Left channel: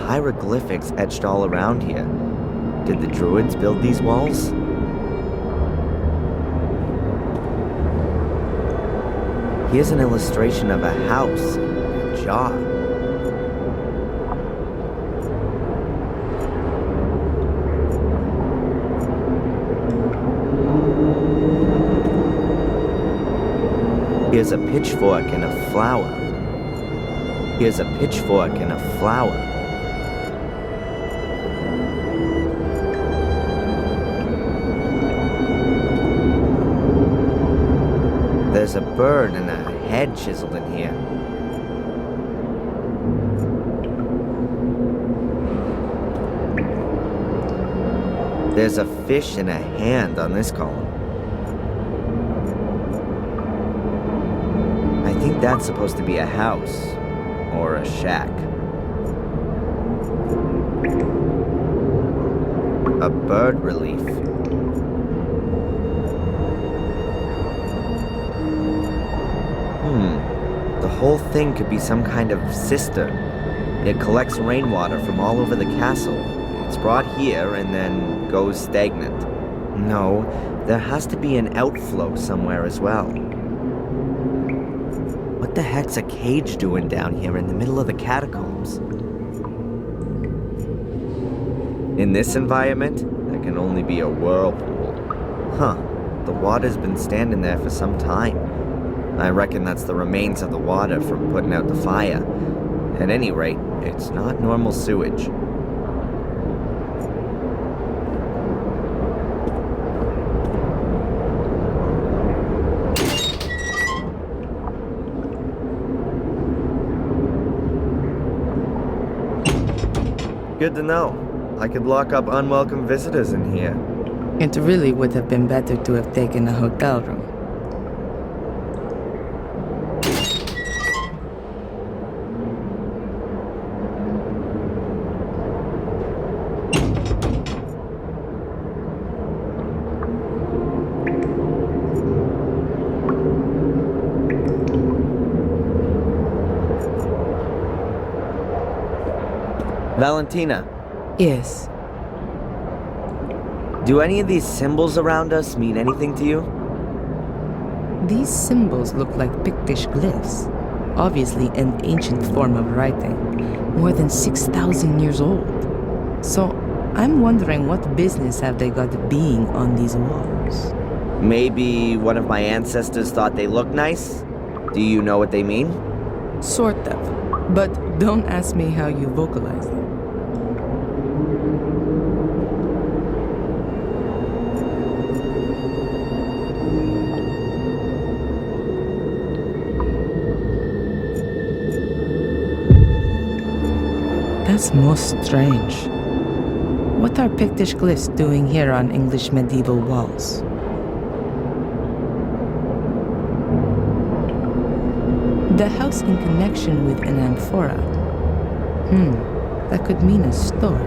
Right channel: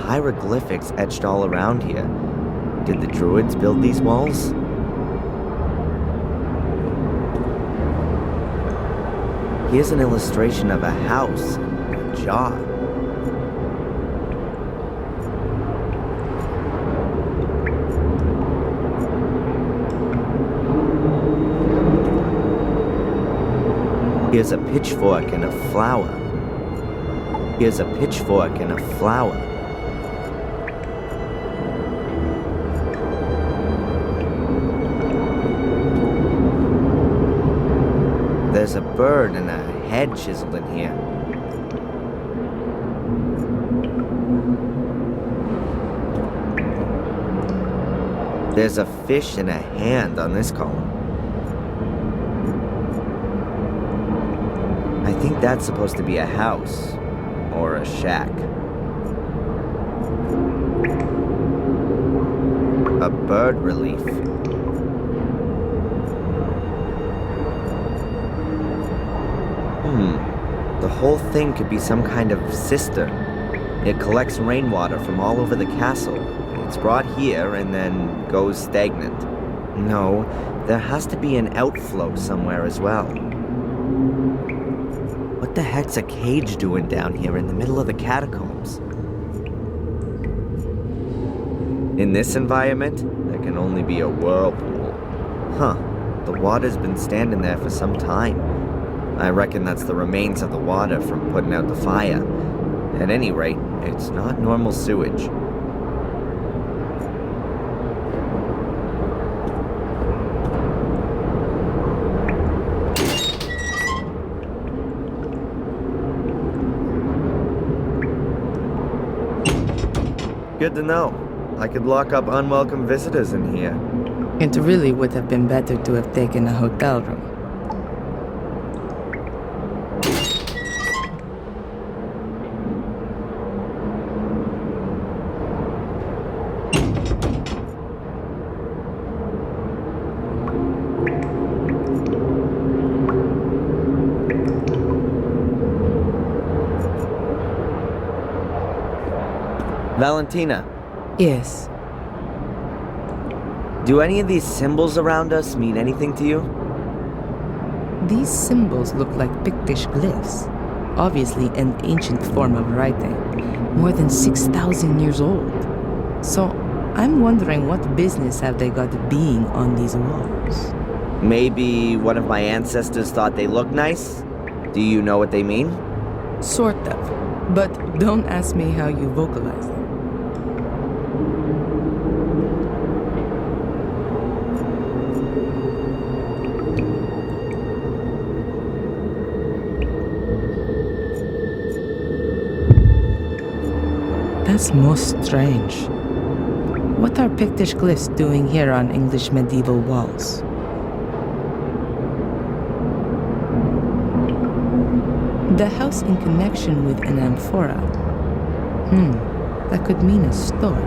hieroglyphics etched all around here. Did the druids build these walls? Here's an illustration of a house, a jar. Here's a pitchfork and a flower. Here's a pitchfork and a flower. There's a bird and a head chiseled in here. There's a fish and a hand on this column. I think that's supposed to be a house or a shack. A bird relief. The whole thing could be some kind of cistern. It collects rainwater from all over the castle. It's brought here and then goes stagnant. No, there has to be an outflow somewhere as well. What the heck's a cage doing down here in the middle of the catacombs? In this environment, there can only be a whirlpool. Huh, the water's been standing there for some time. I reckon that's the remains of the water from putting out the fire. At any rate, it's not normal sewage. Good to know. I could lock up unwelcome visitors in here. It really would have been better to have taken a hotel room. Valentina, Yes. do any of these symbols around us mean anything to you? These symbols look like Pictish glyphs. Obviously an ancient form of writing, more than 6,000 years old. So I'm wondering what business have they got being on these walls? Maybe one of my ancestors thought they looked nice? Do you know what they mean? Sort of. But don't ask me how you vocalize them. That's most strange. What are Pictish glyphs doing here on English medieval walls? The house in connection with an amphora. That could mean a store.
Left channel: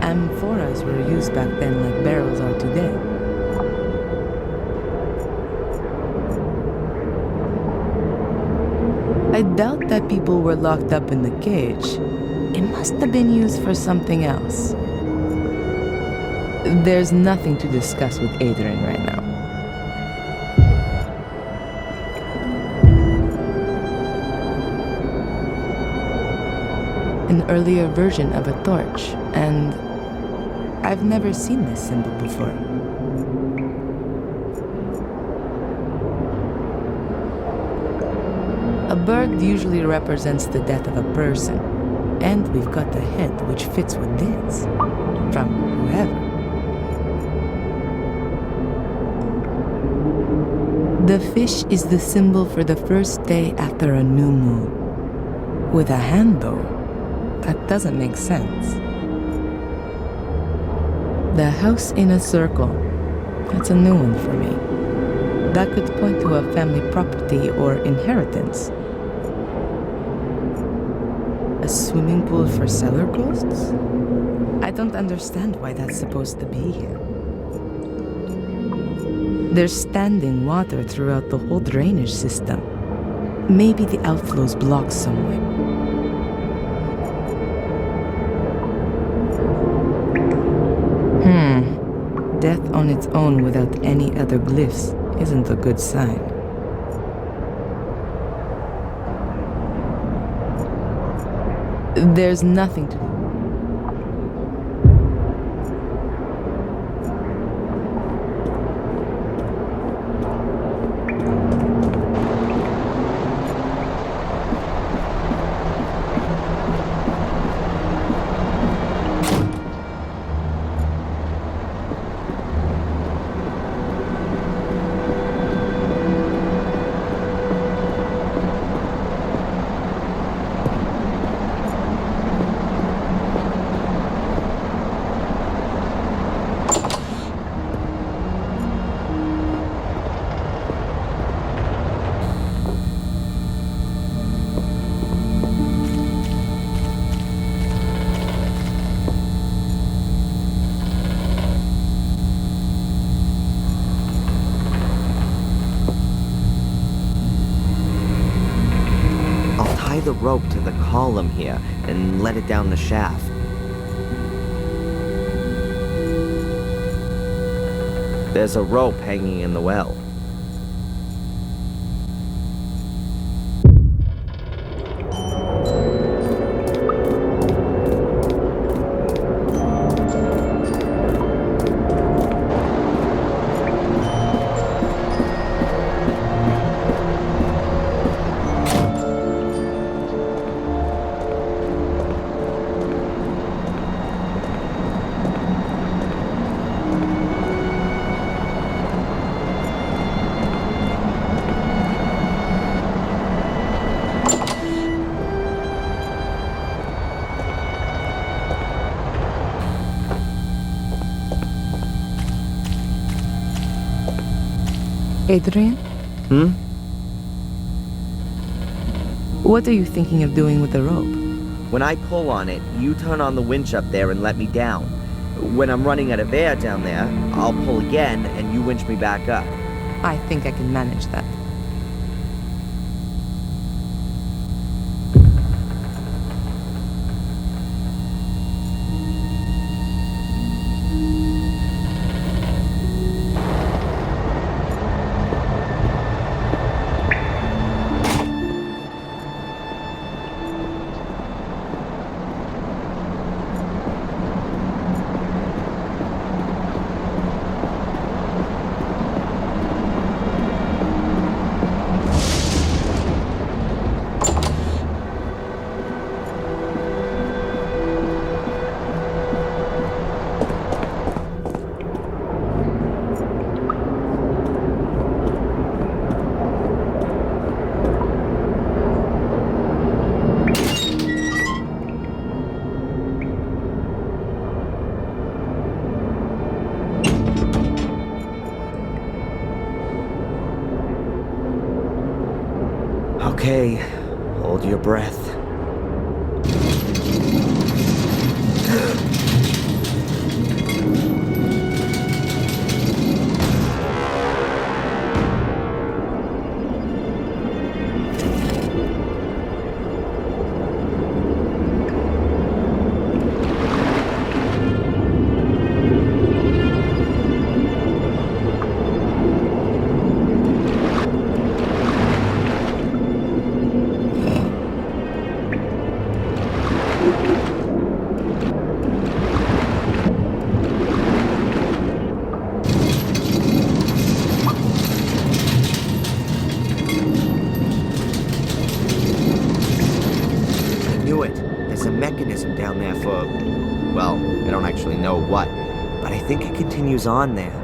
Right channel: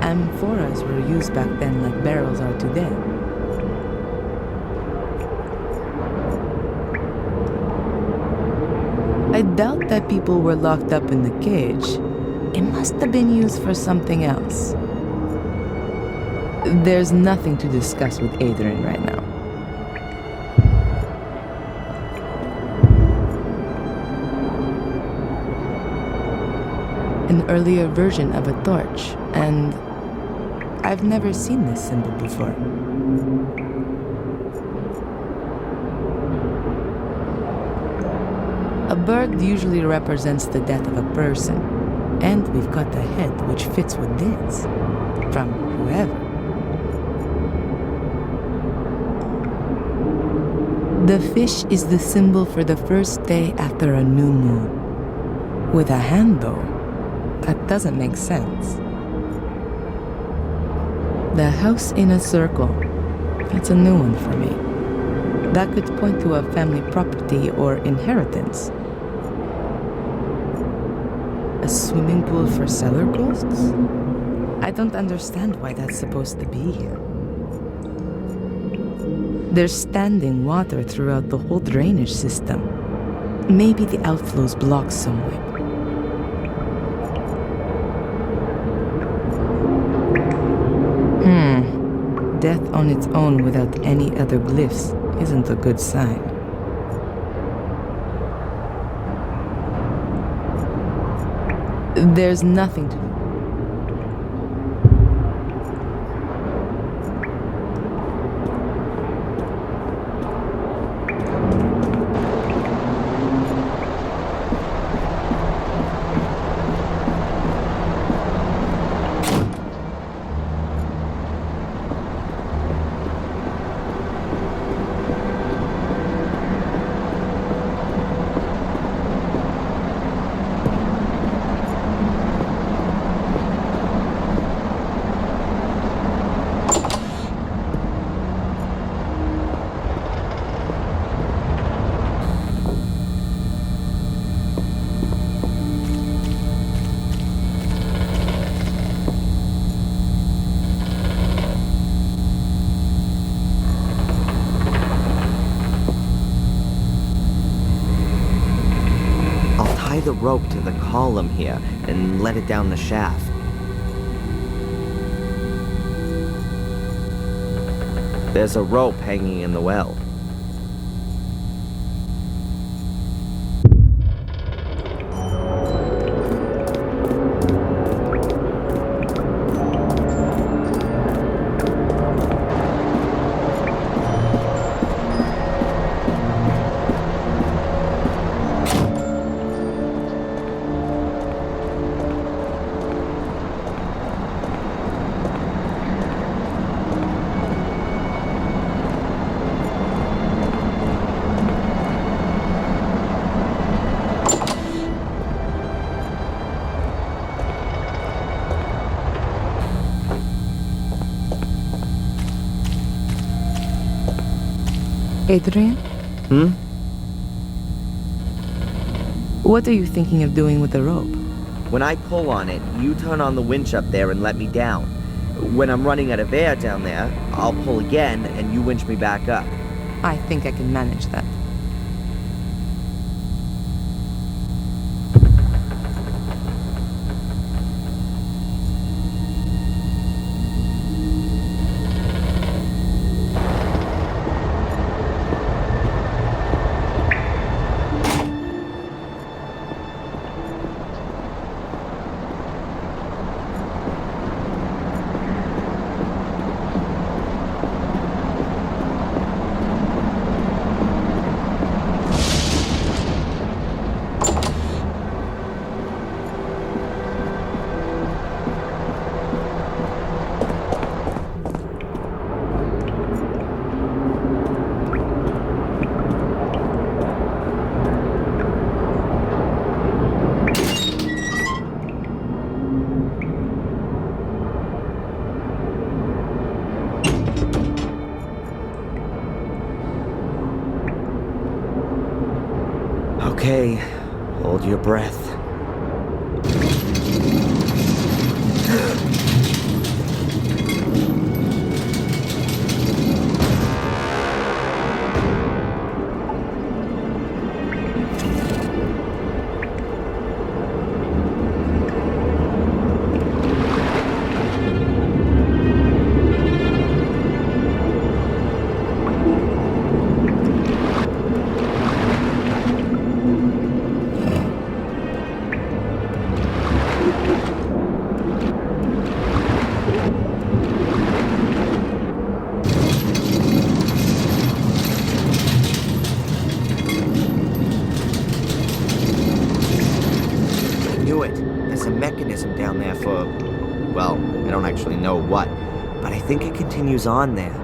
Amphoras were used back then like barrels are today. I doubt that people were locked up in the cage. It must have been used for something else. There's nothing to discuss with Adrian right now. An earlier version of a torch, and I've never seen this symbol before. A bird usually represents the death of a person, and we've got the head which fits with this, from whoever. The fish is the symbol for the first day after a new moon. With a hand, though, that doesn't make sense. The house in a circle. That's a new one for me. That could point to a family property or inheritance. A swimming pool for cellar ghosts? I don't understand why that's supposed to be here. There's standing water throughout the whole drainage system. Maybe the outflow's blocked somewhere. death on its own without any other glyphs isn't a good sign. There's nothing to do. Tie the rope to the column here and let it down the shaft. There's a rope hanging in the well. Adrian? What are you thinking of doing with the rope? When I pull on it, you turn on the winch up there and let me down. When I'm running out of air down there, I'll pull again and you winch me back up. I think I can manage that. Okay, hold your breath. There's a mechanism down there for, well, I don't actually know what, but I think it continues on there.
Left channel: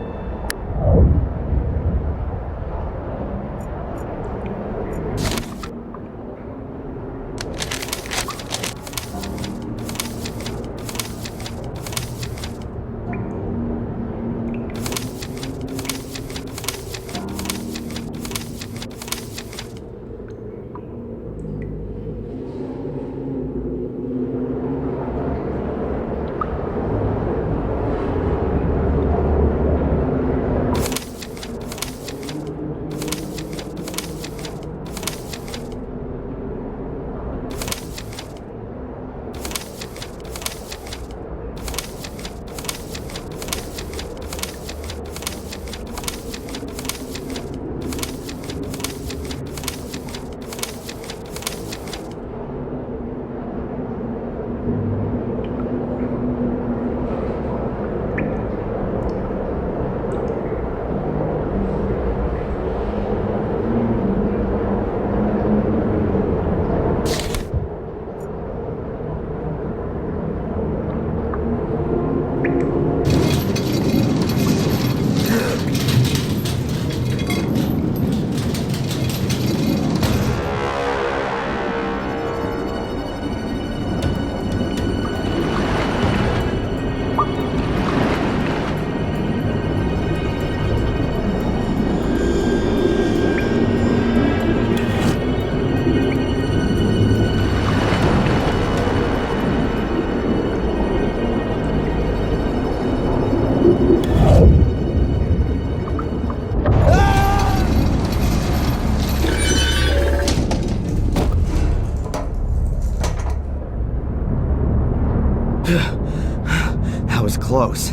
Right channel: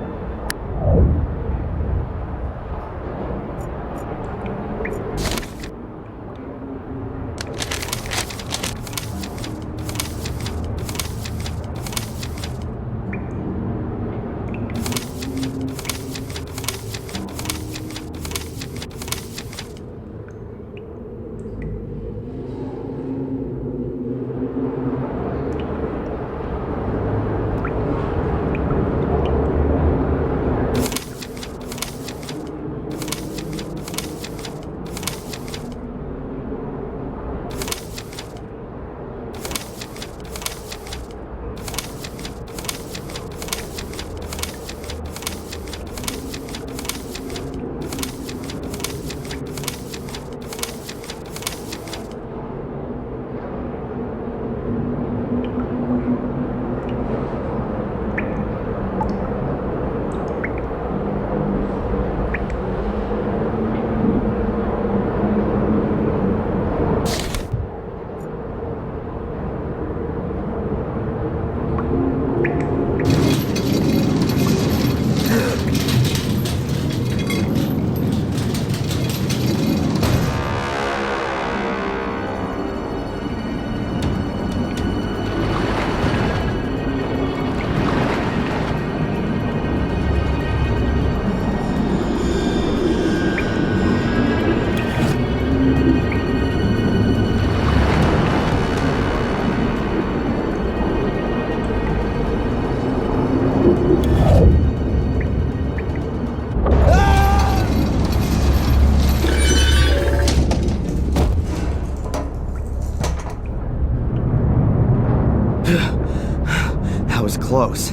That was close.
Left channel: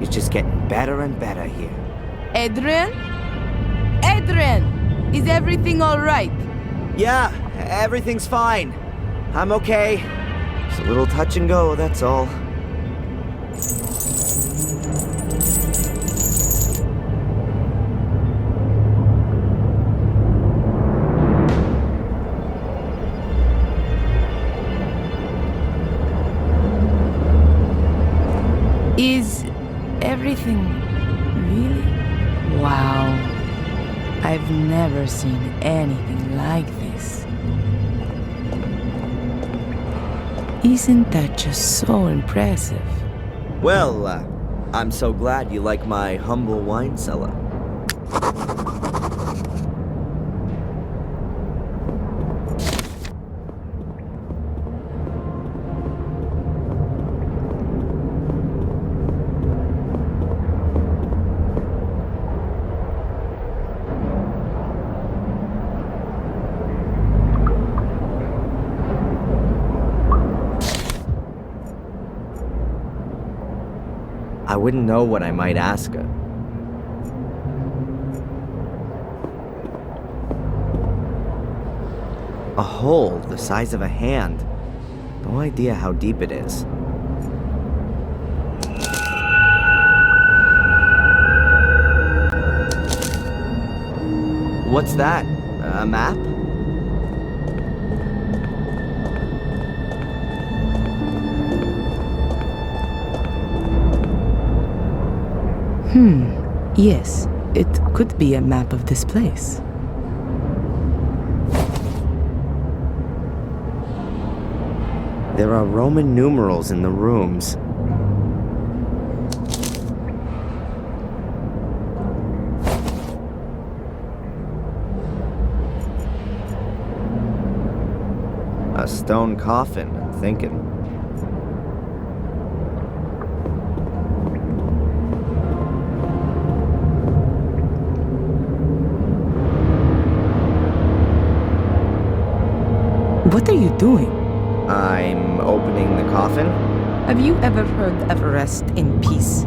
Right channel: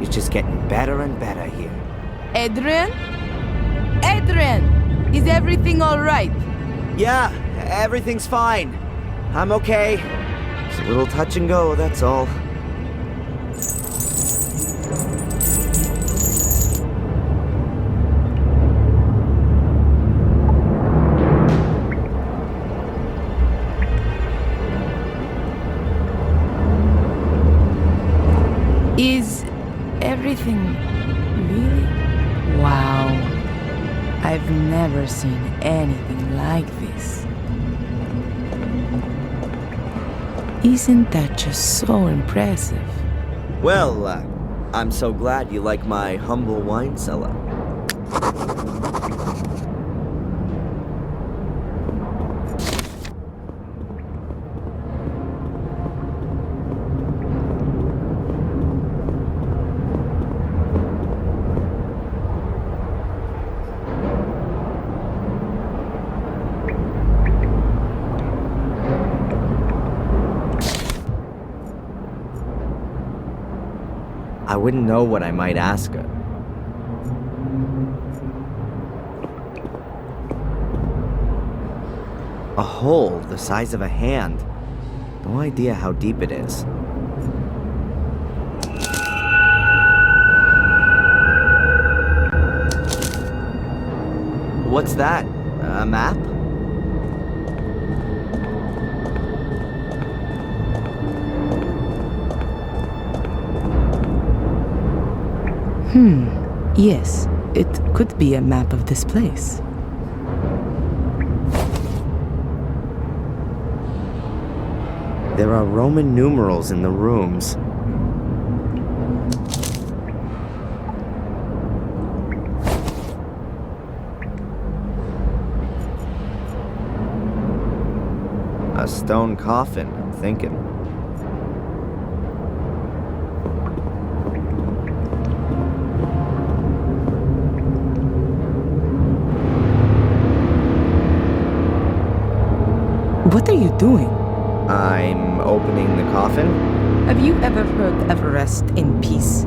It's just getting better and better here. Adrian? Adrian! Is everything alright? Yeah, everything's fine. I'm okay. It's a little touch and go, that's all. Is everything really? Wow. I've never seen anything like this. Isn't that just so impressive? Well, I'm so glad you like my humble wine cellar. I wouldn't know what I might ask her. A hole the size of a hand. No idea how deep it is. What's that? A map? Yes, it could be a map of this place. There are Roman numerals in the rooms. A stone coffin, I'm thinking. What are you doing? I'm opening the coffin? Have you ever heard of rest in peace?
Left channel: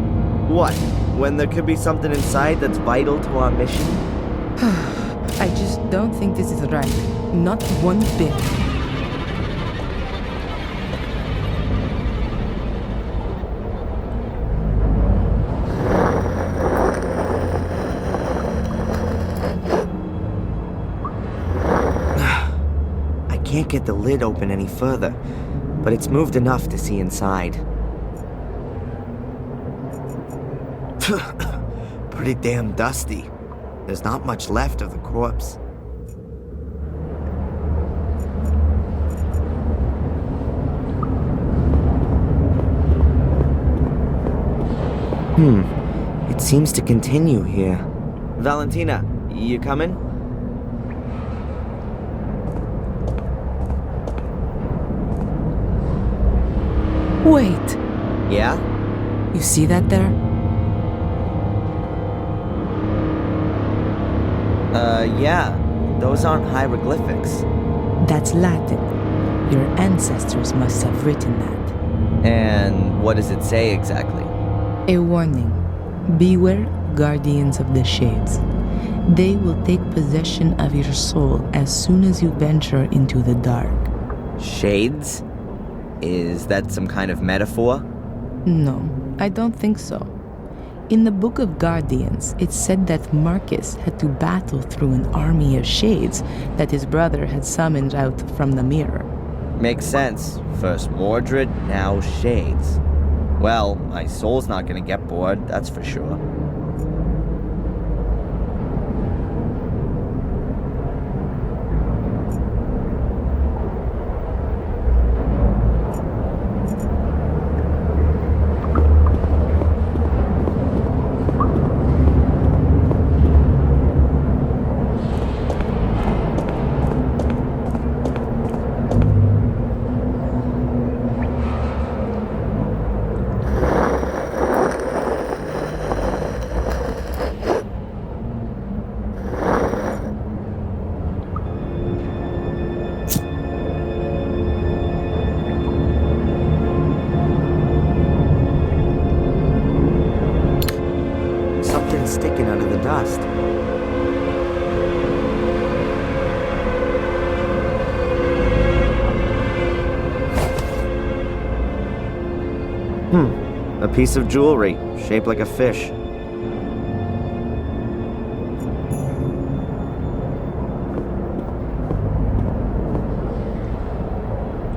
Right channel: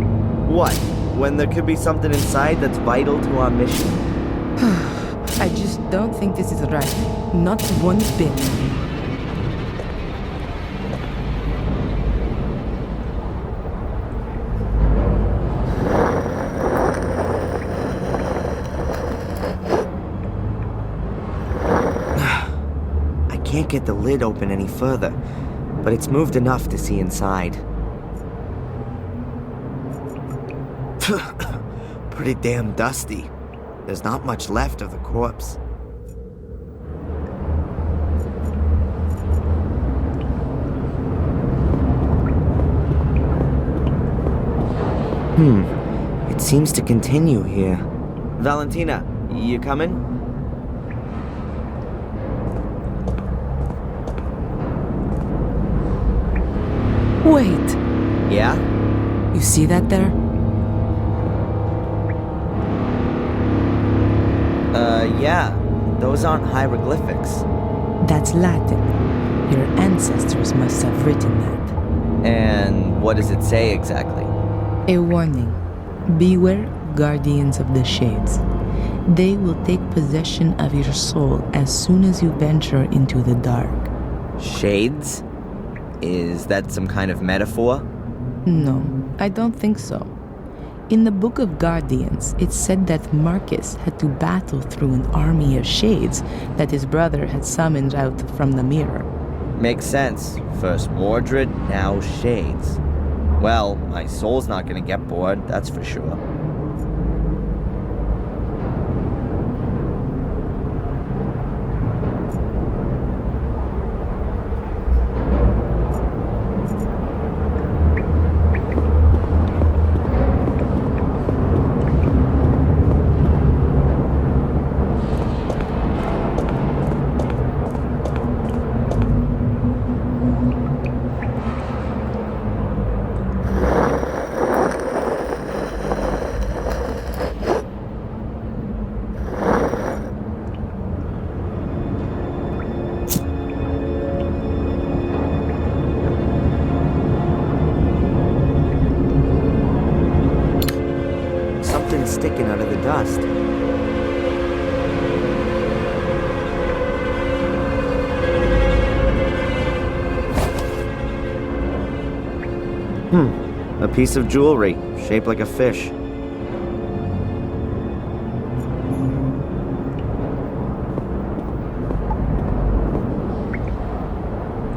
What? When there could be something inside that's vital to our mission? I just don't think this is right. Not one bit. Can't get the lid open any further, but it's moved enough to see inside. Pretty damn dusty. There's not much left of the corpse. It seems to continue here. Valentina, you coming? Wait, Yeah? you see that there? Yeah. Those aren't hieroglyphics. That's Latin. Your ancestors must have written that. And what does it say exactly? A warning. Beware, guardians of the shades. They will take possession of your soul as soon as you venture into the dark. Shades? Is that some kind of metaphor? No, I don't think so. In the Book of Guardians, it said that Marcus had to battle through an army of shades that his brother had summoned out from the mirror. Makes sense. First Mordred, now Shades. Well, my soul's not gonna get bored, that's for sure. something sticking out of the dust. A piece of jewelry, shaped like a fish.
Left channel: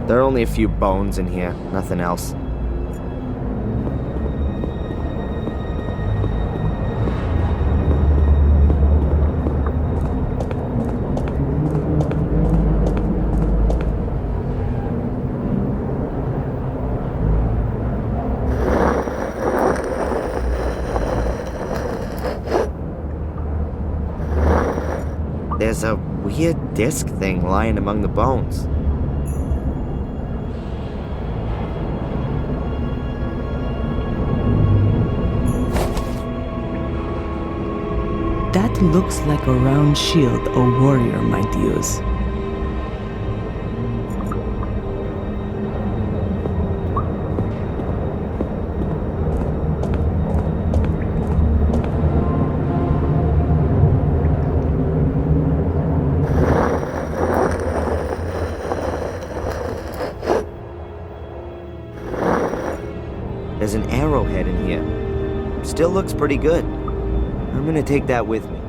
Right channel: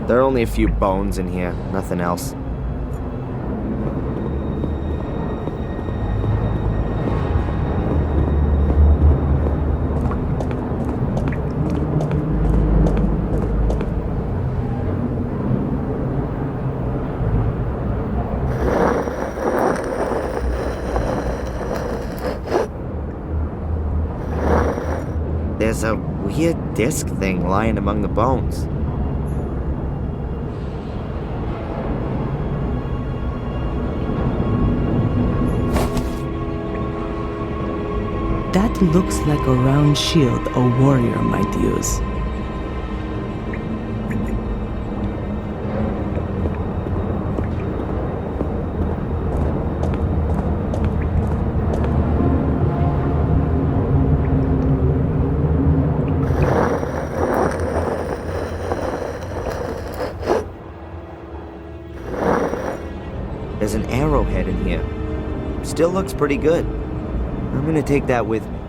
There are only a few bones in here, nothing else. There's a weird disc thing lying among the bones. That looks like a round shield a warrior might use. There's an arrowhead in here. Still looks pretty good. I'm gonna take that with me.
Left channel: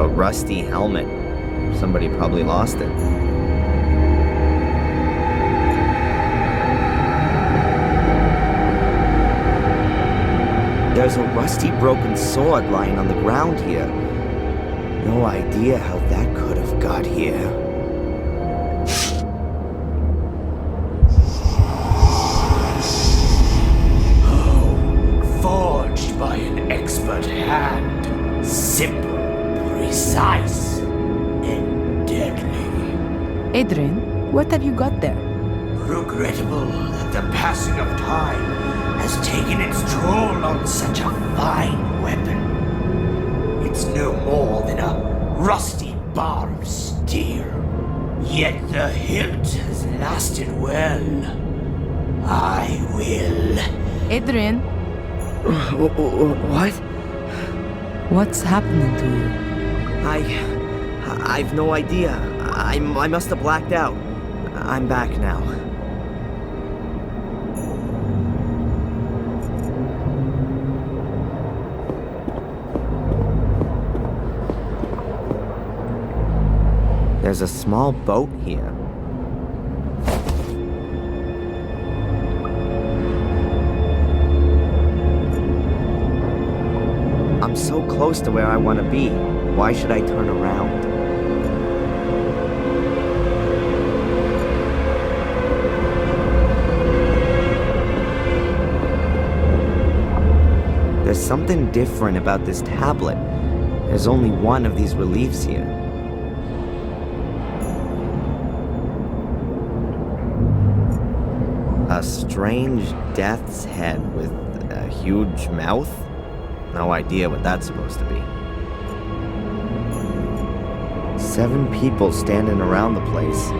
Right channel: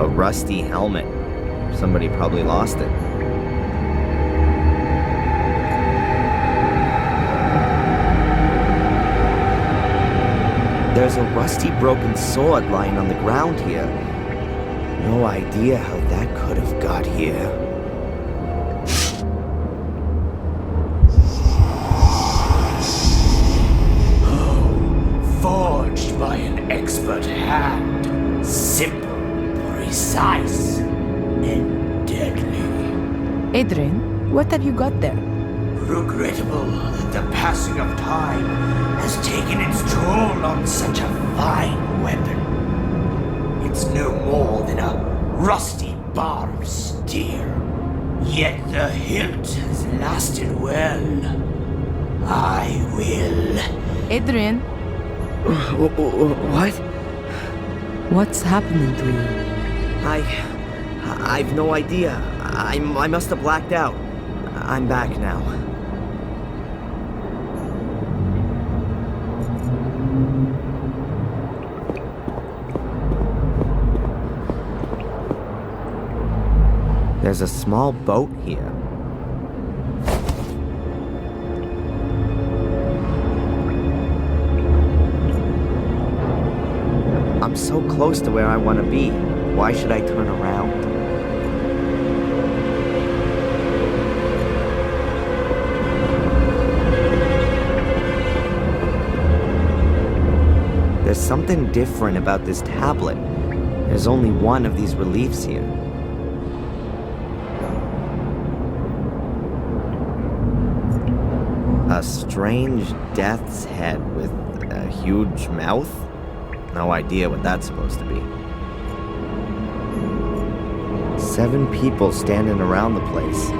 A rusty helmet. Somebody probably lost it. There's a rusty broken sword lying on the ground here. No idea how that could have got here. Oh, forged by an expert hand. Simple, precise, and deadly. Adrian, what have you got there? Regrettable that the passing of time has taken its toll on such a fine weapon. It's no more than a rusty bar of steel, yet the hilt has lasted well. I will. Adrian, What? what's happening to you? I've no idea. I must have blacked out. I'm back now. There's a small boat here. I'm so close to where I want to be. Why should I turn around? There's something different about this tablet. There's only one of these reliefs here. A strange death's head with a huge mouth? No idea what that's supposed to be. 7 people standing around the place.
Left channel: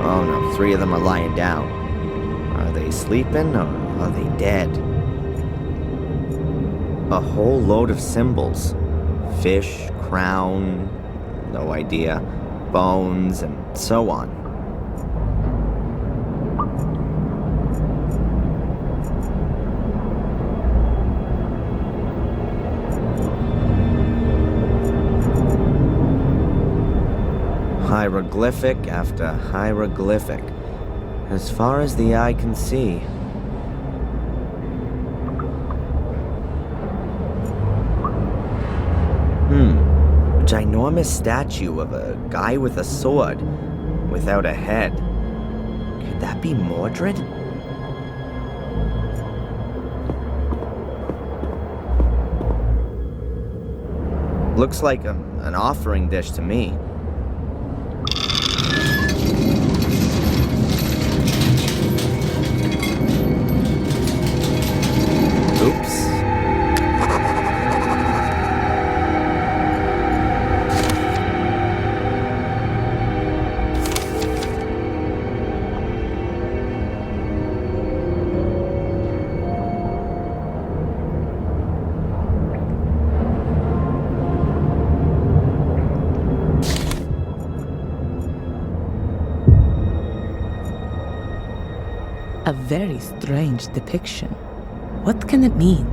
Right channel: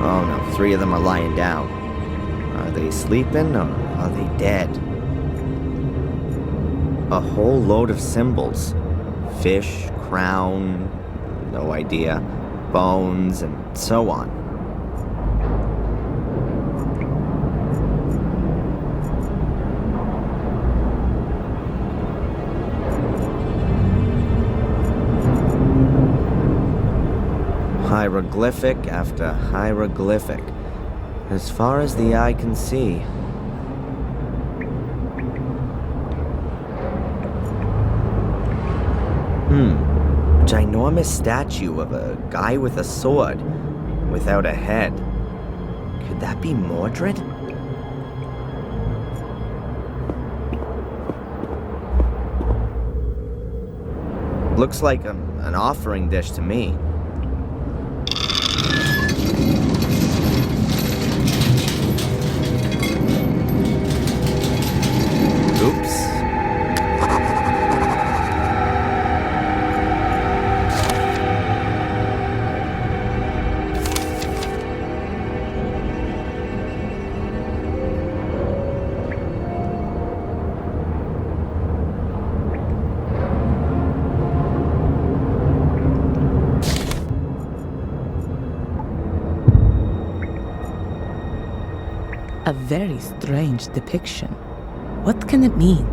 Oh no, 3 of them are lying down. Are they sleeping or are they dead? A whole load of symbols. Fish, crown, no idea, bones, and so on. Hieroglyphic after hieroglyphic, as far as the eye can see. Ginormous statue of a guy with a sword, without a head. Could that be Mordred? Looks like an offering dish to me. Oops. A very strange depiction. What can it mean?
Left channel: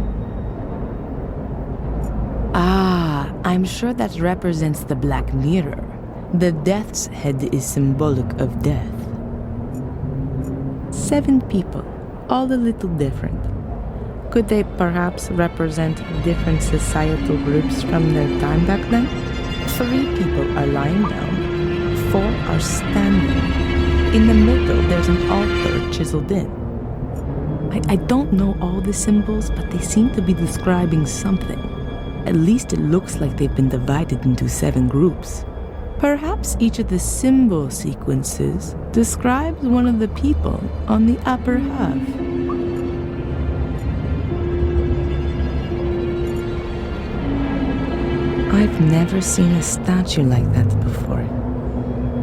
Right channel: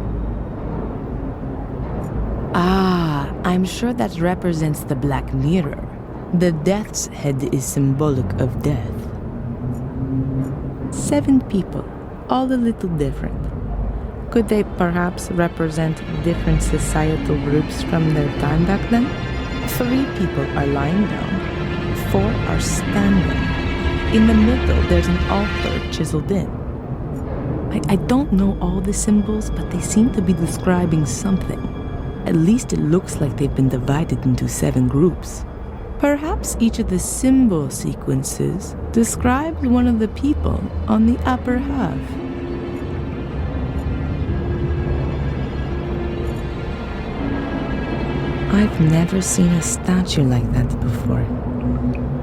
Ah, I'm sure that represents the Black Mirror. The death's head is symbolic of death. 7 people, all a little different. Could they perhaps represent different societal groups from their time back then? 3 people are lying down, 4 are standing. In the middle, there's an altar chiseled in. I don't know all the symbols, but they seem to be describing something. At least it looks like they've been divided into 7 groups. Perhaps each of the symbol sequences describes one of the people on the upper half. I've never seen a statue like that before.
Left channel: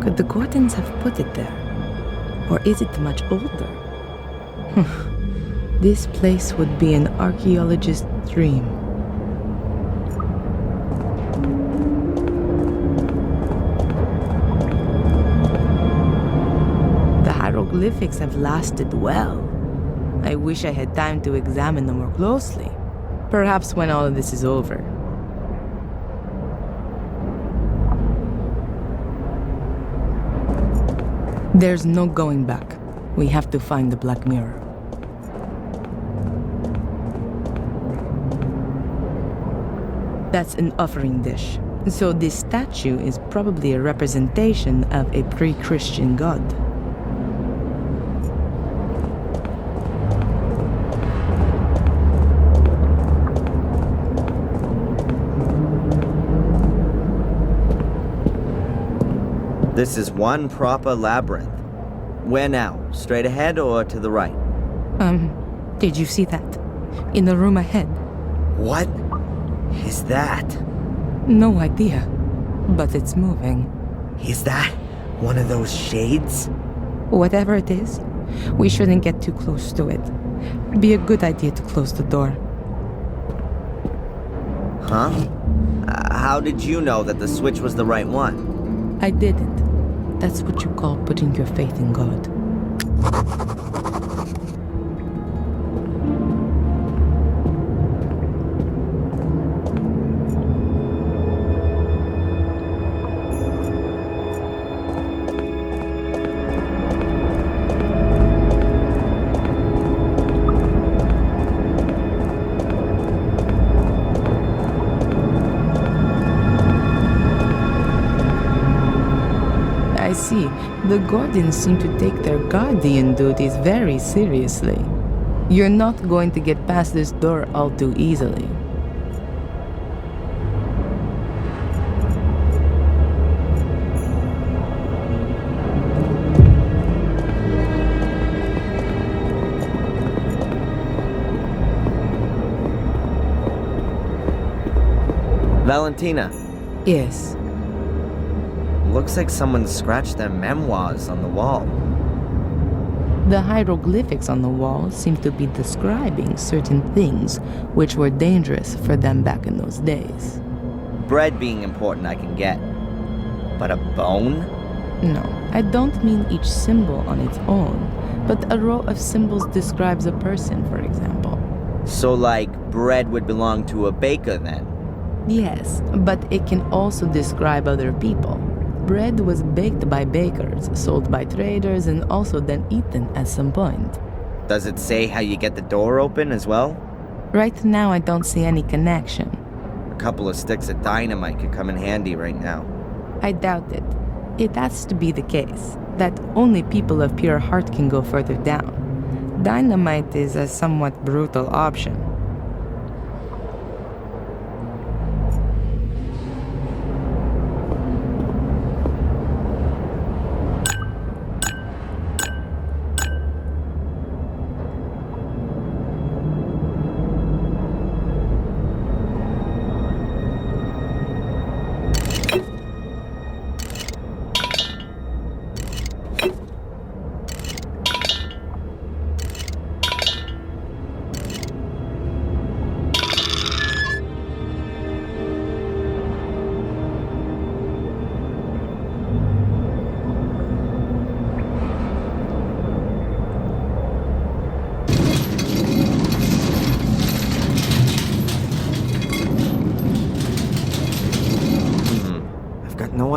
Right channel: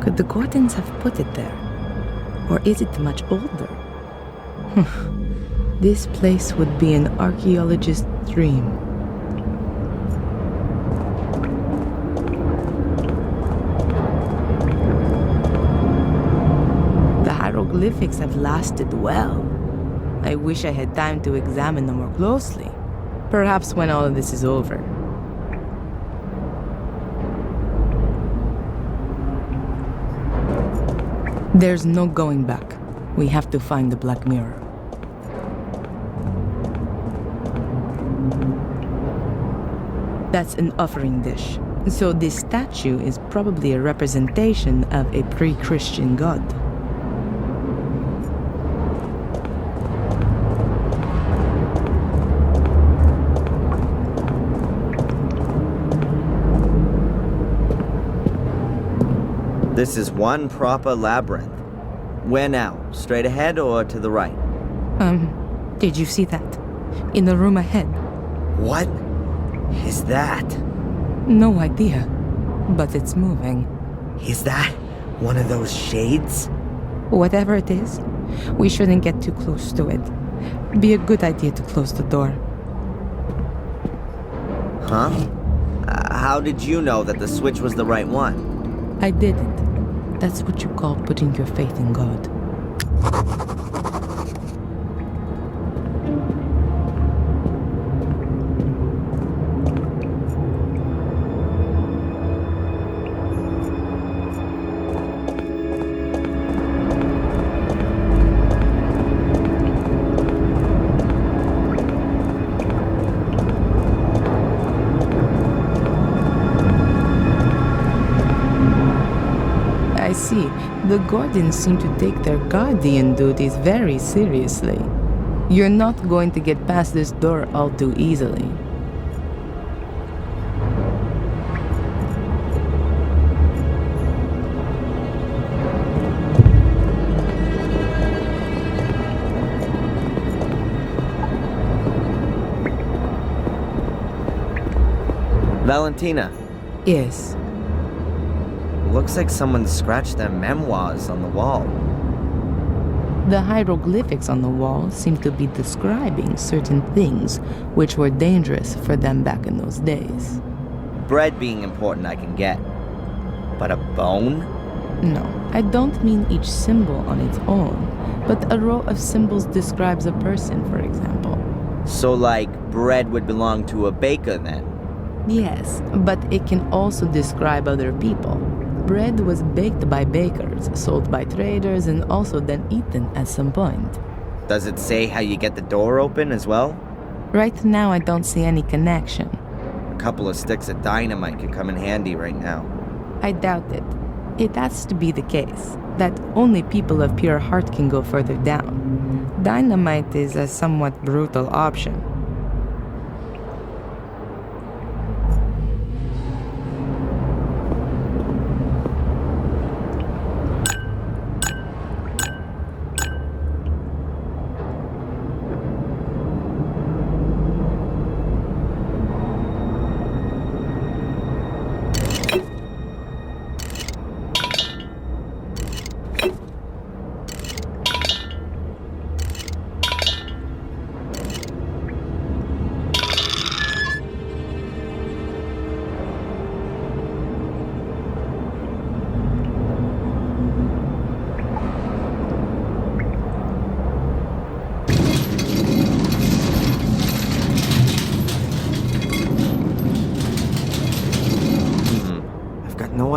Could the Gordons have put it there? Or is it much older? This place would be an archaeologist's dream. The hieroglyphics have lasted well. I wish I had time to examine them more closely. Perhaps when all of this is over. There's no going back. We have to find the Black Mirror. That's an offering dish. So this statue is probably a representation of a pre-Christian god. This is one proper labyrinth. Where now? Straight ahead or to the right? Did you see that? In the room ahead? What is that? No idea, but it's moving. Is that one of those shades? Whatever it is, we shouldn't get too close to it. Be a good idea to close the door. Huh? How did you know that the switch was the right one? I didn't. That's what you call putting your faith in God. I see. The Gordons seem to take their guardian duties very seriously. You're not going to get past this door all too easily. Valentina. Yes. Looks like someone scratched their memoirs on the wall. The hieroglyphics on the wall seem to be describing certain things which were dangerous for them back in those days. Bread being important I can get. But a bone? No, I don't mean each symbol on its own, but a row of symbols describes a person, for example. So like, bread would belong to a baker then? Yes, but it can also describe other people. Bread was baked by bakers, sold by traders, and also then eaten at some point. Does it say how you get the door open as well? Right now, I don't see any connection. A couple of sticks of dynamite could come in handy right now. I doubt it. It has to be the case that only people of pure heart can go further down. Dynamite is a somewhat brutal option.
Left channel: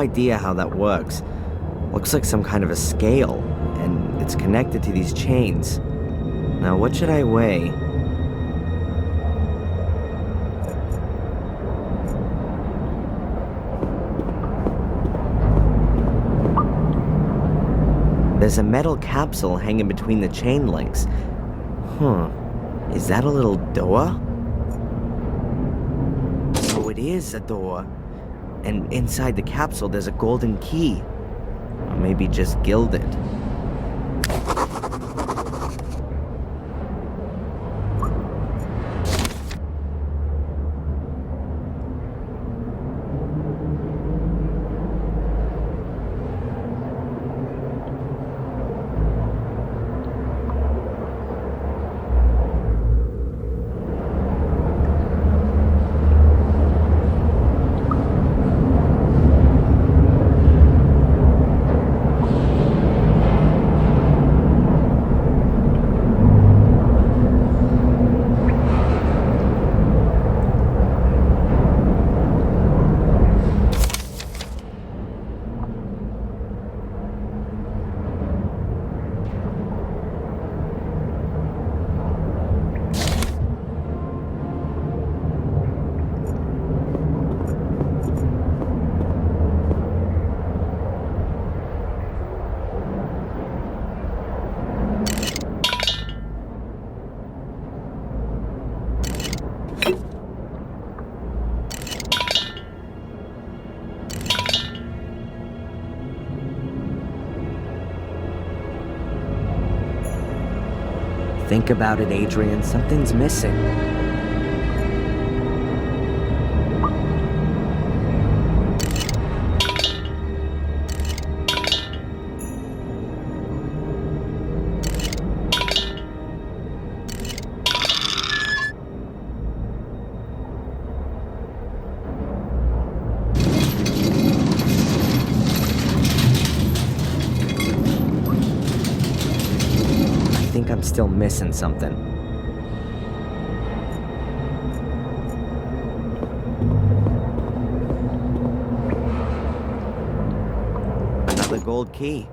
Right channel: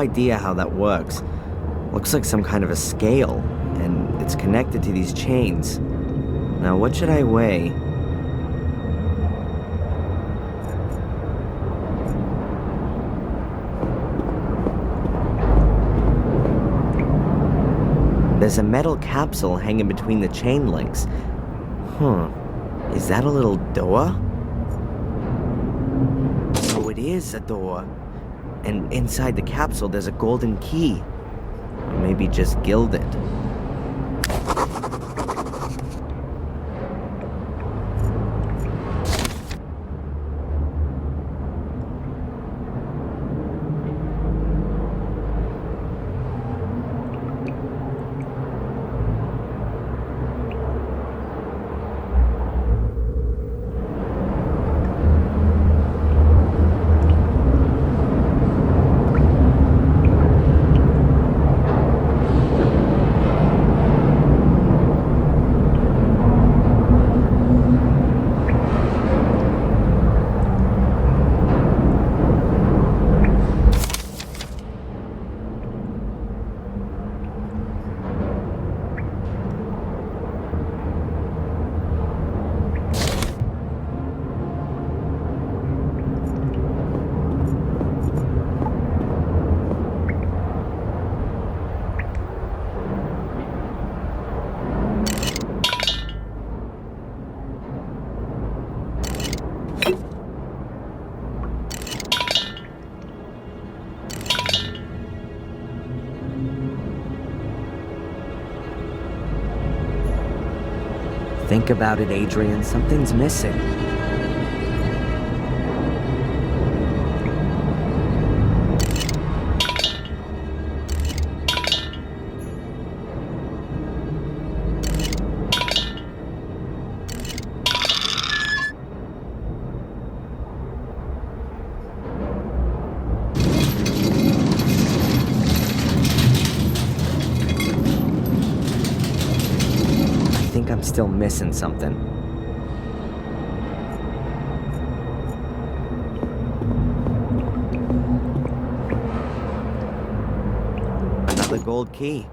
idea how that works. Looks like some kind of a scale, and it's connected to these chains. Now, what should I weigh? There's a metal capsule hanging between the chain links. Is that a little door? So it is a door. And inside the capsule there's a golden key. Or maybe just gilded. Think about it, Adrian. Something's missing. I think I'm still missing something. Another gold key.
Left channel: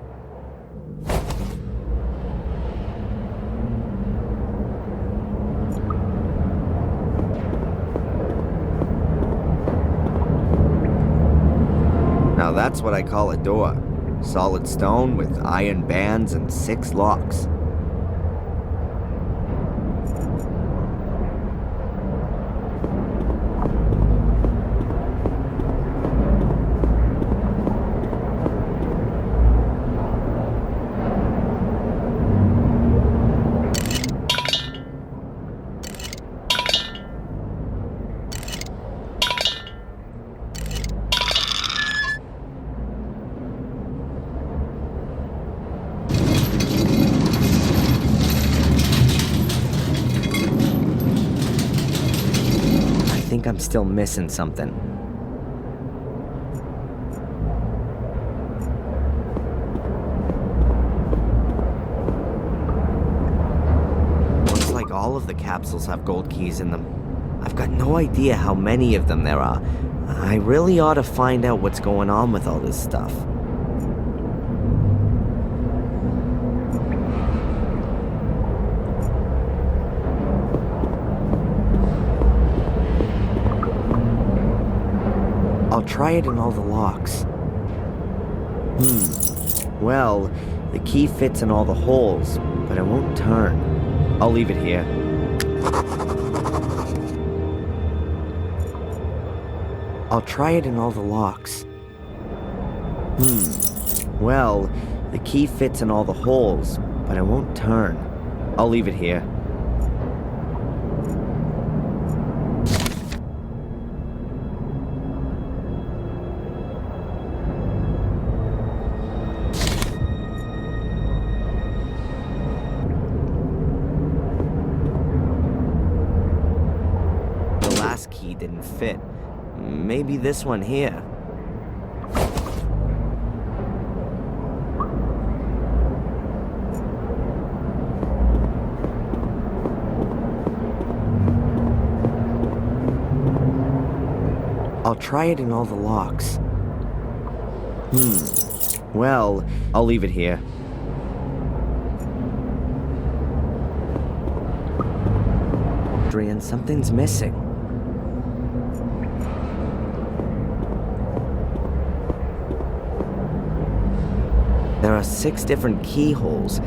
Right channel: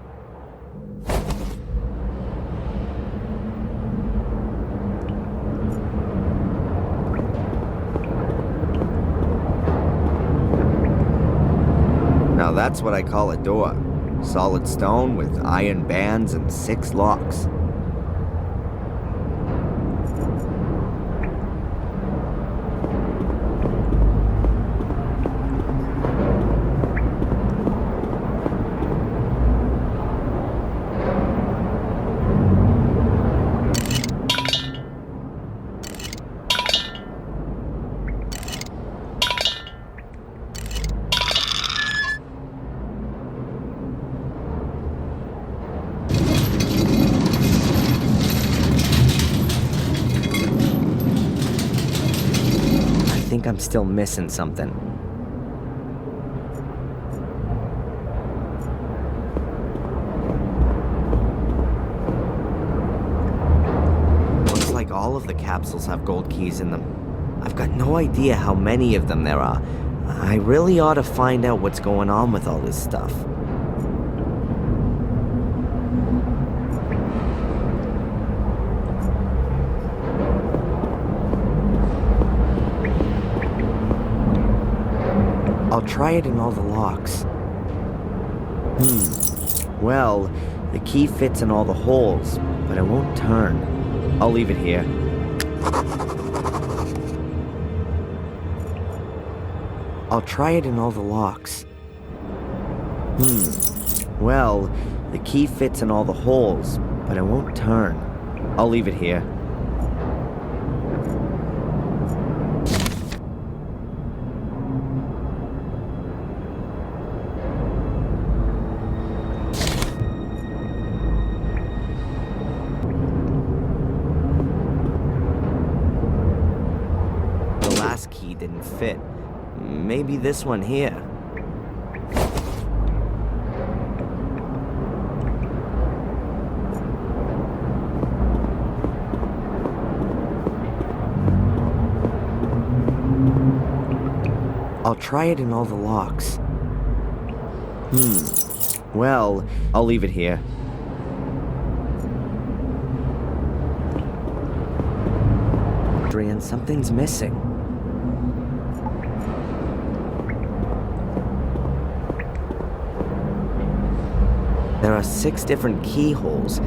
Now that's what I call a door. Solid stone with iron bands and 6 locks. I think I'm still missing something. Looks like all of the capsules have gold keys in them. I've got no idea how many of them there are. I really ought to find out what's going on with all this stuff. I'll try it in all the locks. Well, the key fits in all the holes, but it won't turn. I'll leave it here. I'll try it in all the locks. Well, the key fits in all the holes, but it won't turn. I'll leave it here. Key didn't fit. Maybe this one here. I'll try it in all the locks. Well, I'll leave it here. Adrian, something's missing. There are 6 different keyholes,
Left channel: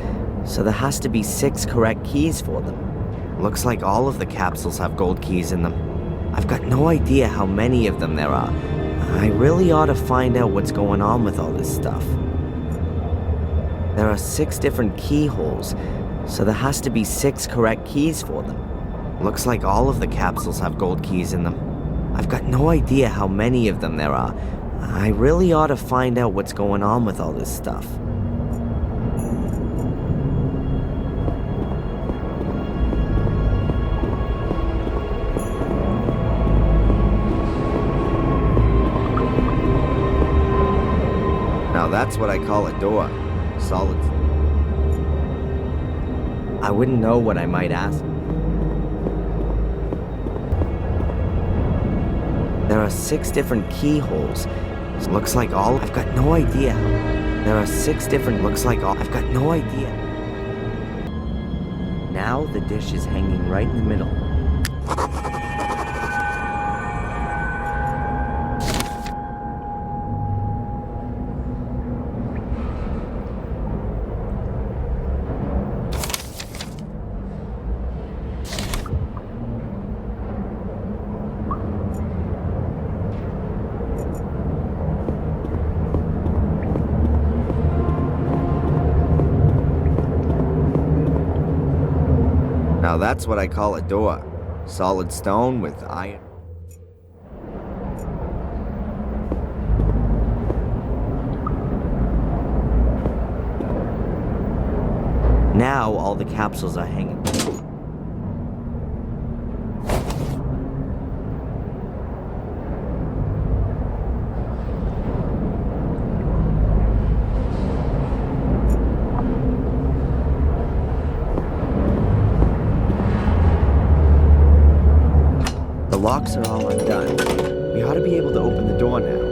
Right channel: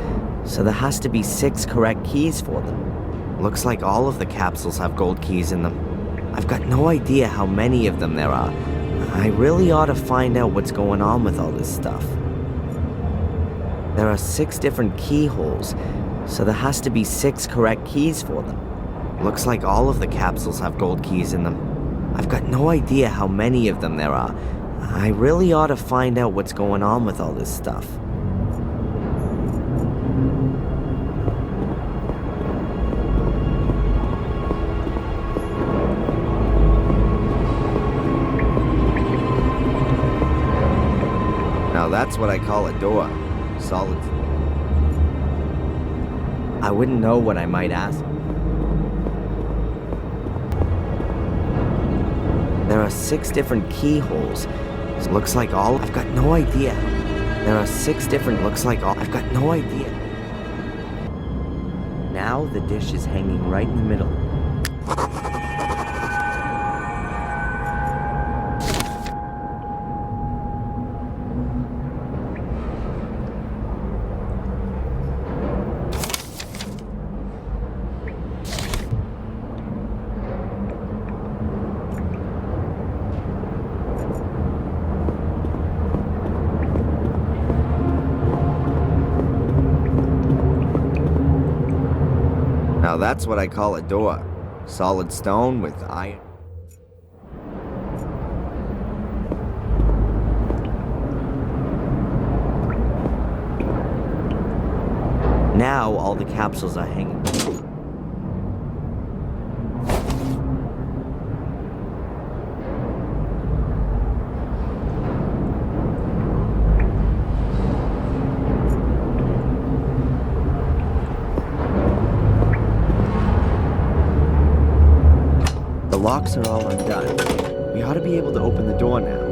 so there has to be 6 correct keys for them. Looks like all of the capsules have gold keys in them. I've got no idea how many of them there are. I really ought to find out what's going on with all this stuff. There are 6 different keyholes, so there has to be 6 correct keys for them. Looks like all of the capsules have gold keys in them. I've got no idea how many of them there are. I really ought to find out what's going on with all this stuff. Now that's what I call a door. Solid. I wouldn't know what I might ask. There are 6 different keyholes. Looks like all. I've got no idea. There are 6 different. Looks like all. I've got no idea. Now the dish is hanging right in the middle. Now that's what I call a door. Solid stone with iron. Now all the capsules are hanging. The locks are all undone. We ought to be able to open the door now.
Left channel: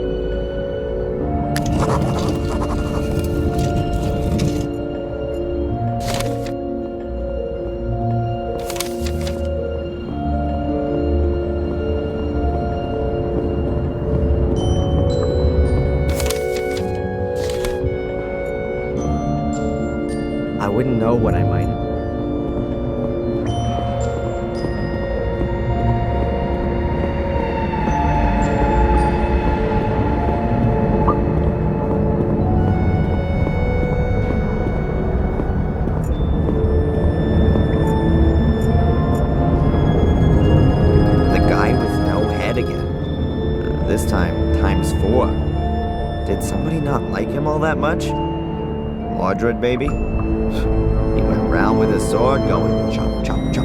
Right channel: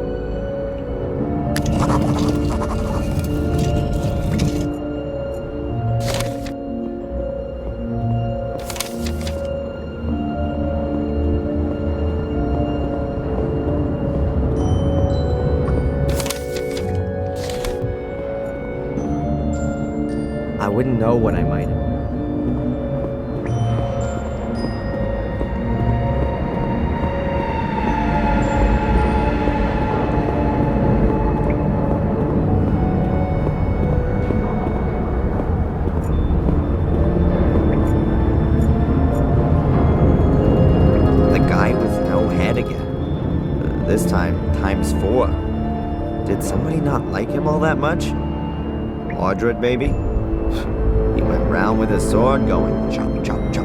I wouldn't know what I might have. Again. This time, times 4. Did somebody not like him all that much? Audred, baby? He went round with his sword going chop, chop, chop.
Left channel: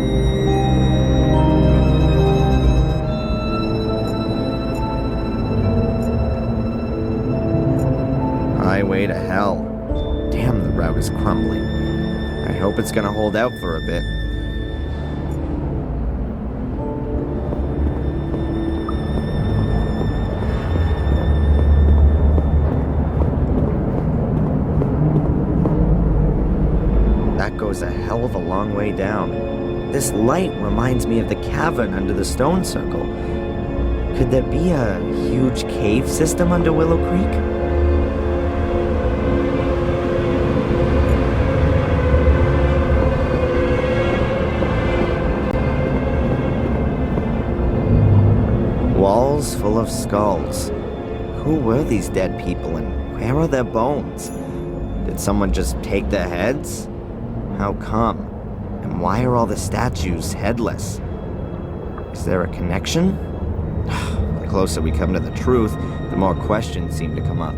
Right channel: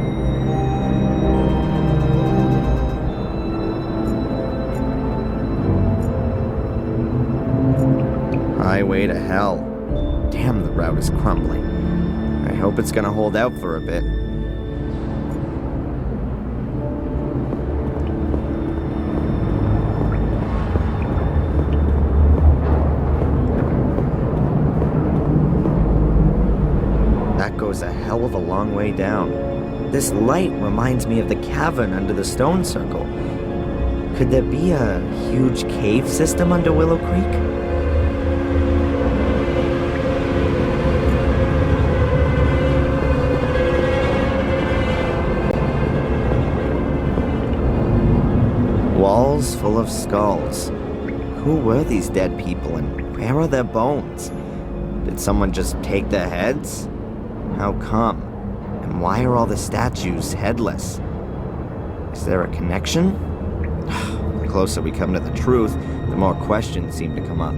Highway to hell. Damn, the route is crumbling. I hope it's gonna hold out for a bit. That goes a hell of a long way down. This light reminds me of the cavern under the stone circle. Could there be a huge cave system under Willow Creek? Walls full of skulls. Who were these dead people and where are their bones? Did someone just take their heads? How come? And why are all the statues headless? Is there a connection? The closer we come to the truth, the more questions seem to come up.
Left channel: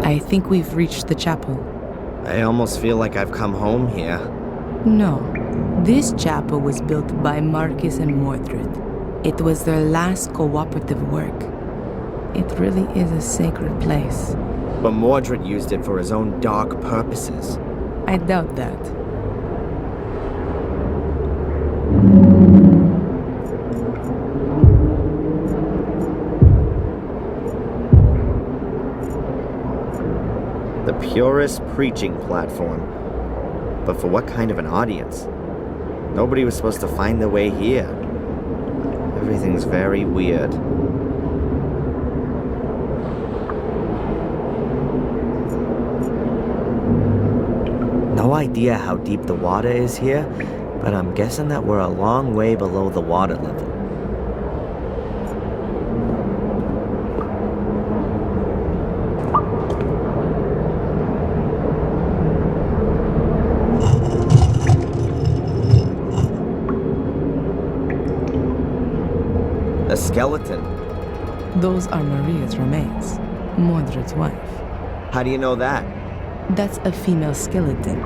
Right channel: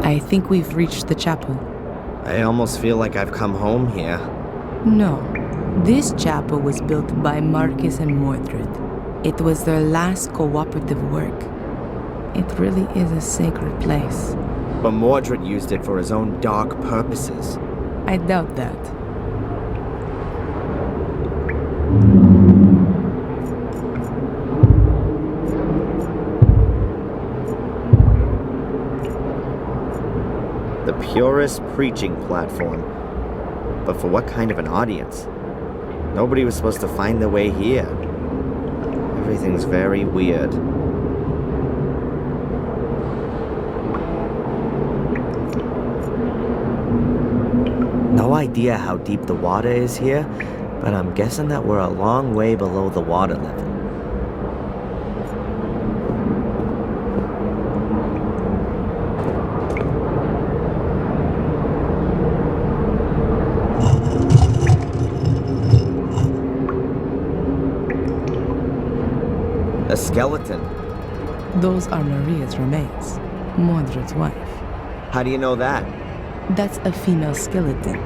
I think we've reached the chapel. I almost feel like I've come home here. No. This chapel was built by Marcus and Mordred. It was their last cooperative work. It really is a sacred place. But Mordred used it for his own dark purposes. I doubt that. The purest preaching platform. But for what kind of an audience? Nobody was supposed to find their way here. Everything's very weird. No idea how deep the water is here, but I'm guessing that we're a long way below the water level. A skeleton. Those are Maria's remains, Mordred's wife. How do you know that? That's a female skeleton.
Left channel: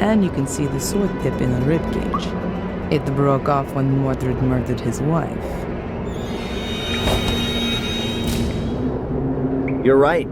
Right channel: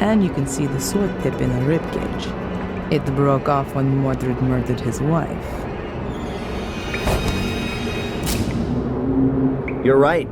And you can see the sword tip in the ribcage. It broke off when Mordred murdered his wife. You're right.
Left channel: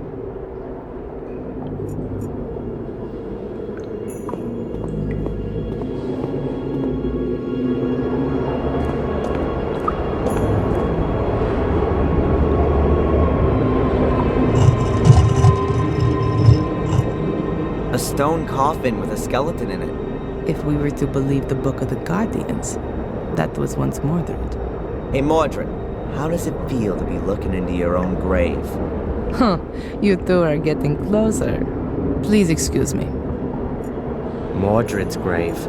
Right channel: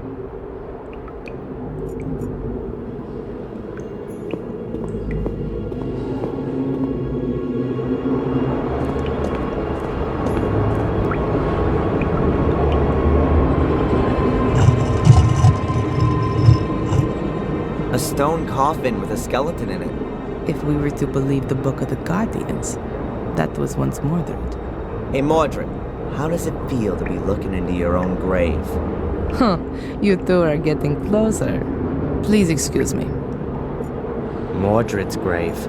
A stone coffin with a skeleton in it. If we were to believe the Book of the Guardians, that was once Mordred. Hey Mordred, how does it feel to be looking into your own grave? Huh, you two are getting closer. Please excuse me. Mordred's grave.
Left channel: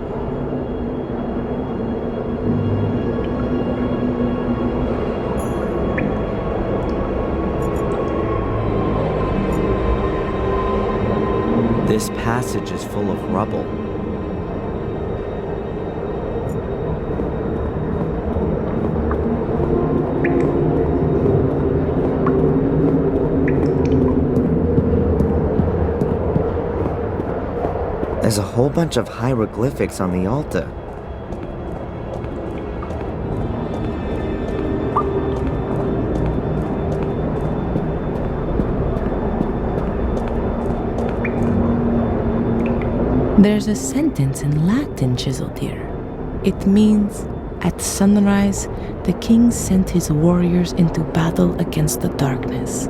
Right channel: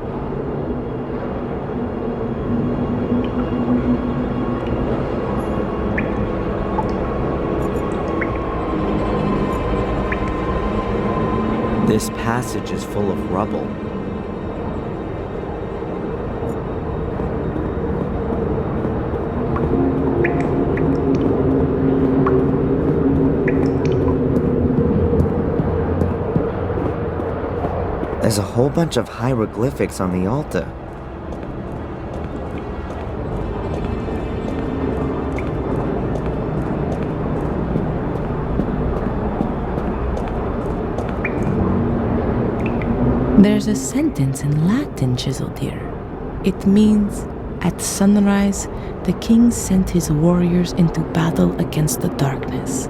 This passage is full of rubble. There's a whole bunch of hieroglyphics on the altar. There's a sentence in Latin chiseled here. It means, "At sunrise, the king sent his warriors into battle against the darkness."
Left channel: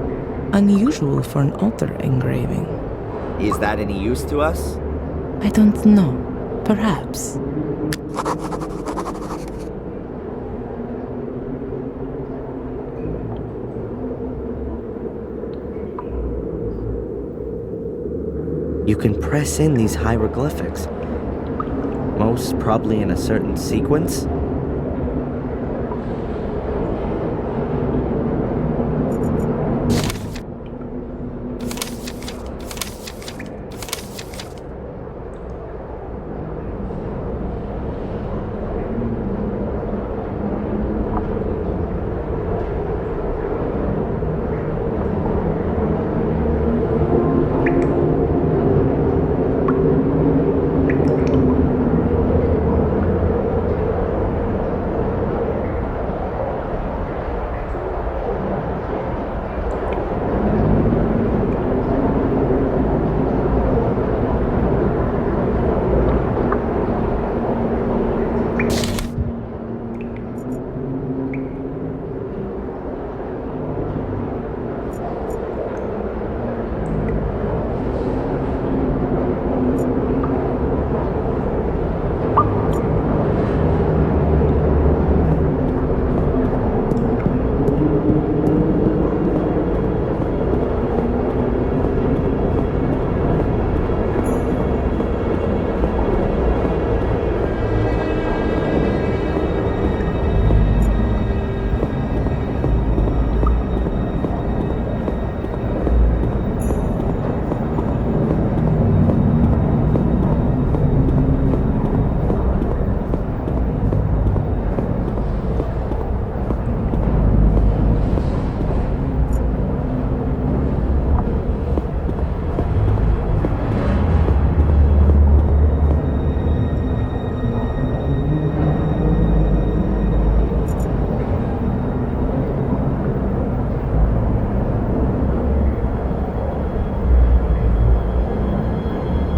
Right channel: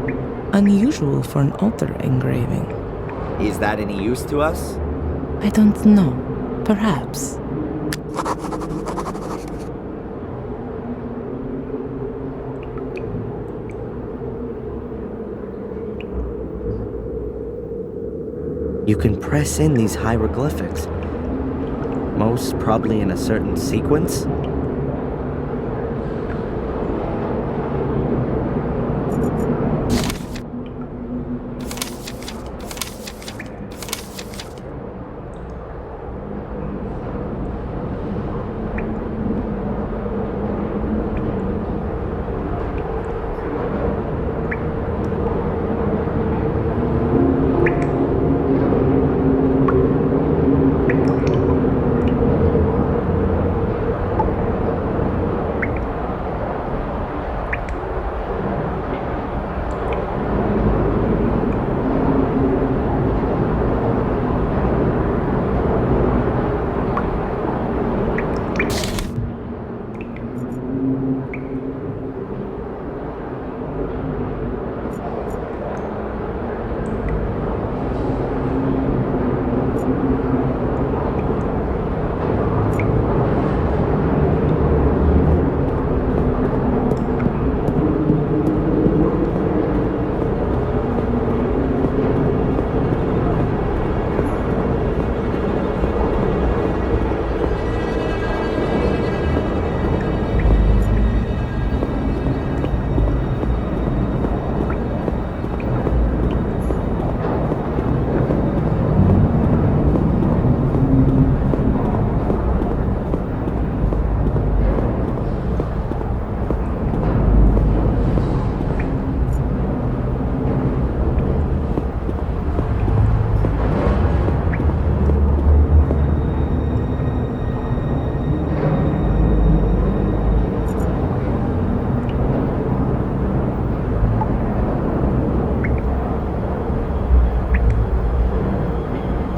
Unusual for an altar engraving. Is that any use to us? I don't know. Perhaps. You can press in these hieroglyphics. Most probably in a certain sequence.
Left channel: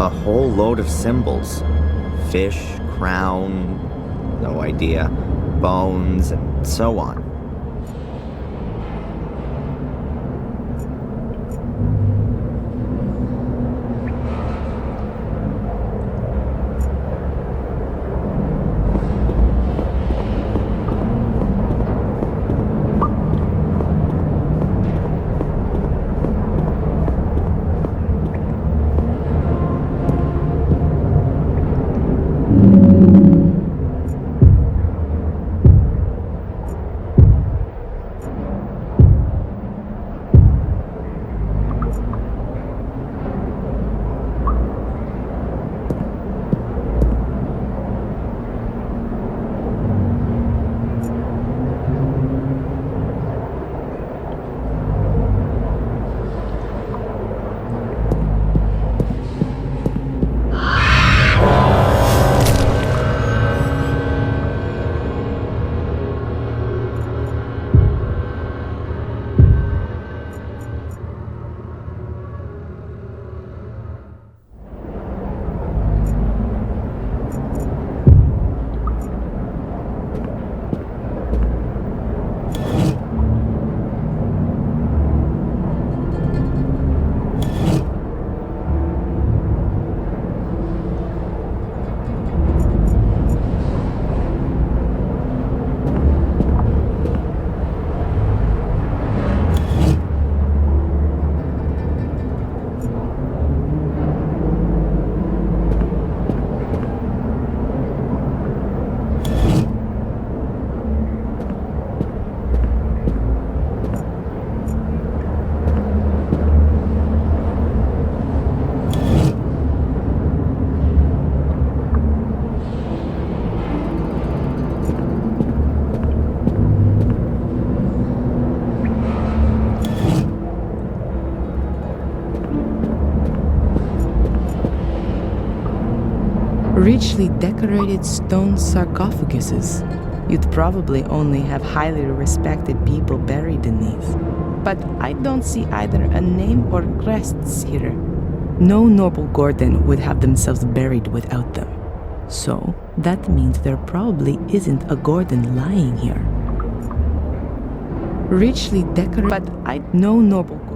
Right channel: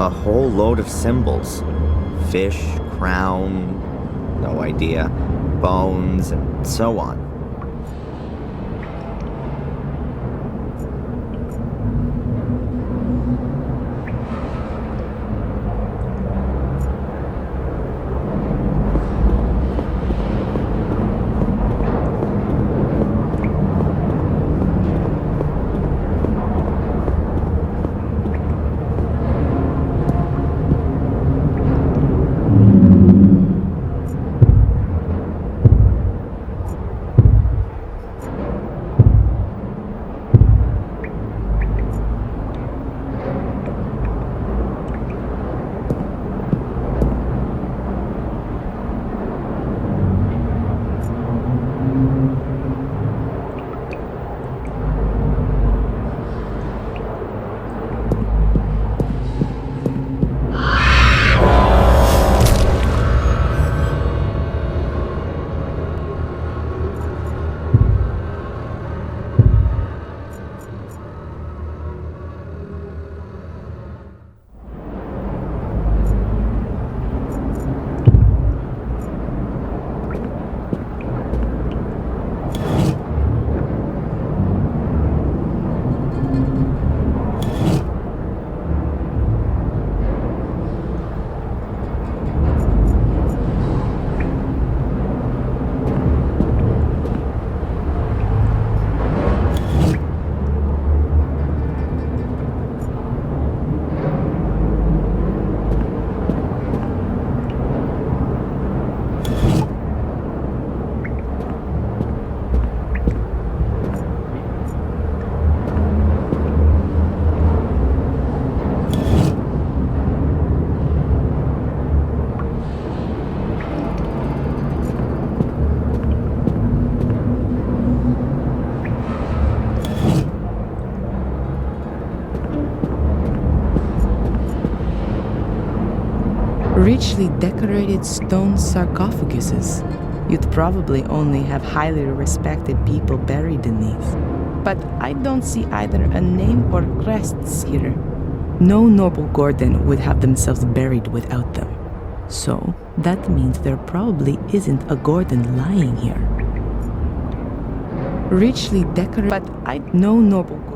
A whole load of symbols. Fish, crown, no idea, bones, and so on. Richly decorated stone sarcophaguses. You'd probably only have highly respected people buried beneath. But I don't see either a name or crests here. No noble Gordon would have themselves buried without them. So that means there probably isn't a Gordon lying here. Richly decorated, but no noble Gordon.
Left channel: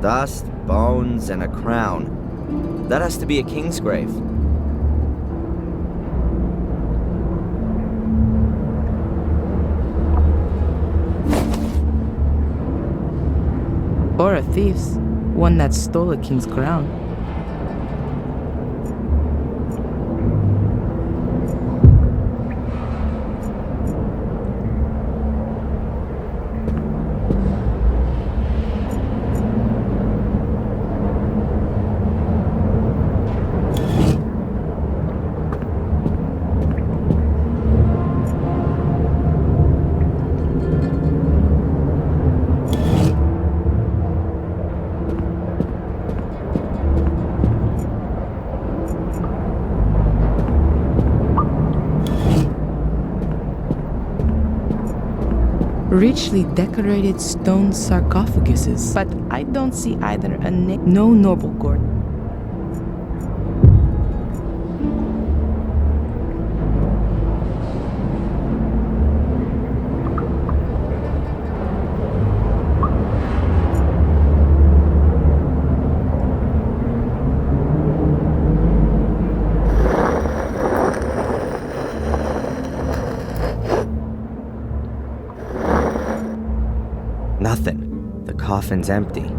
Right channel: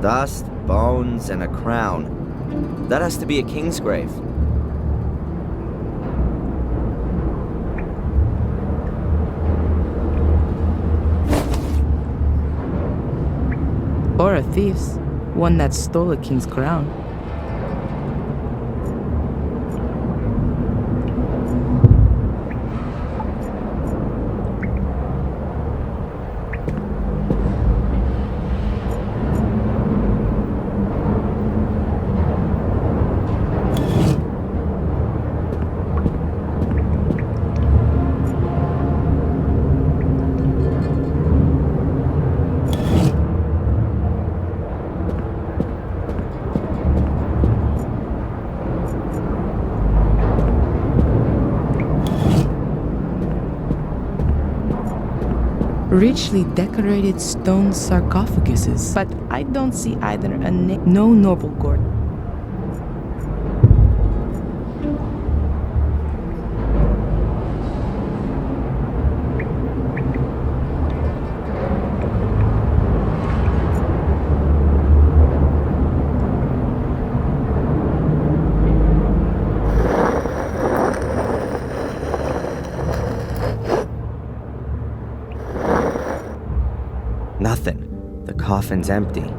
Dust, bones, and a crown. That has to be a king's grave. Or a thief's, one that stole a king's crown. Richly decorated stone sarcophaguses, but I don't see either a no noble Gordon. Nothing. The coffin's empty.